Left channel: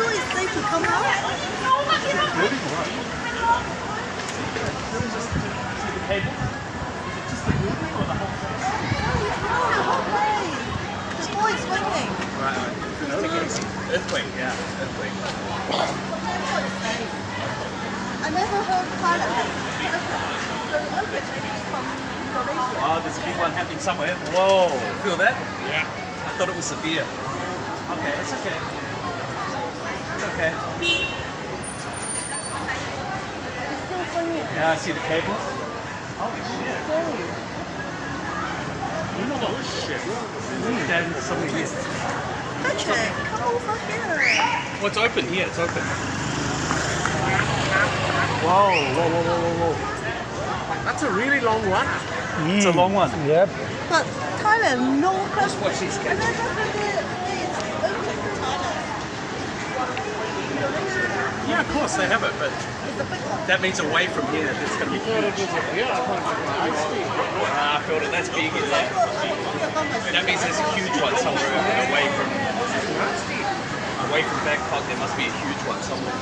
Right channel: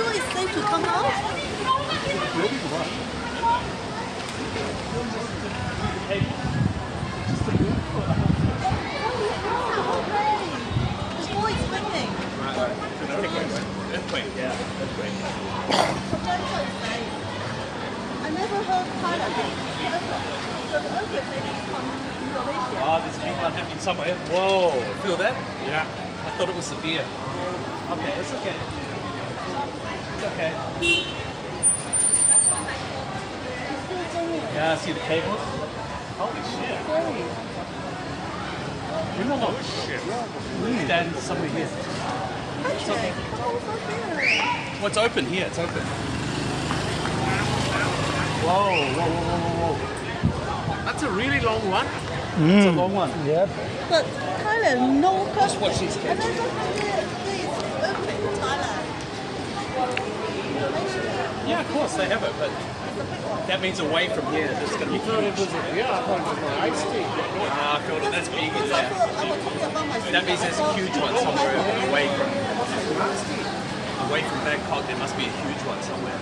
sure it's safe to come out? The cable? Just the building or the whole place? The boy is swinging. Right. Take it easy. Earthquake, yeah. Earthquake. I never heard Thailand had earthquake. So the earthquake maybe is from Indonesia. Oh, there's a big one happening somewhere. Whoa. Feel that? Yeah. I thought it was severe. Okay, that's okay. It's okay. It's still swinging. Yeah, see the cable? Holy shit. Scary. Oh, shit. Then somebody missed. Okay, come over here. Well, it's open here. It's open. Whoa. That's a really long one. It's a long one. Yep. But Thailand, no question. watch these I cables. never heard the earthquake in Thailand. Yeah, of course they have it, but that means away from here. It's going to be huge. I feel it. That's big. It's like, that means there's a huge one somewhere away from Bangkok. There must be a huge one somewhere.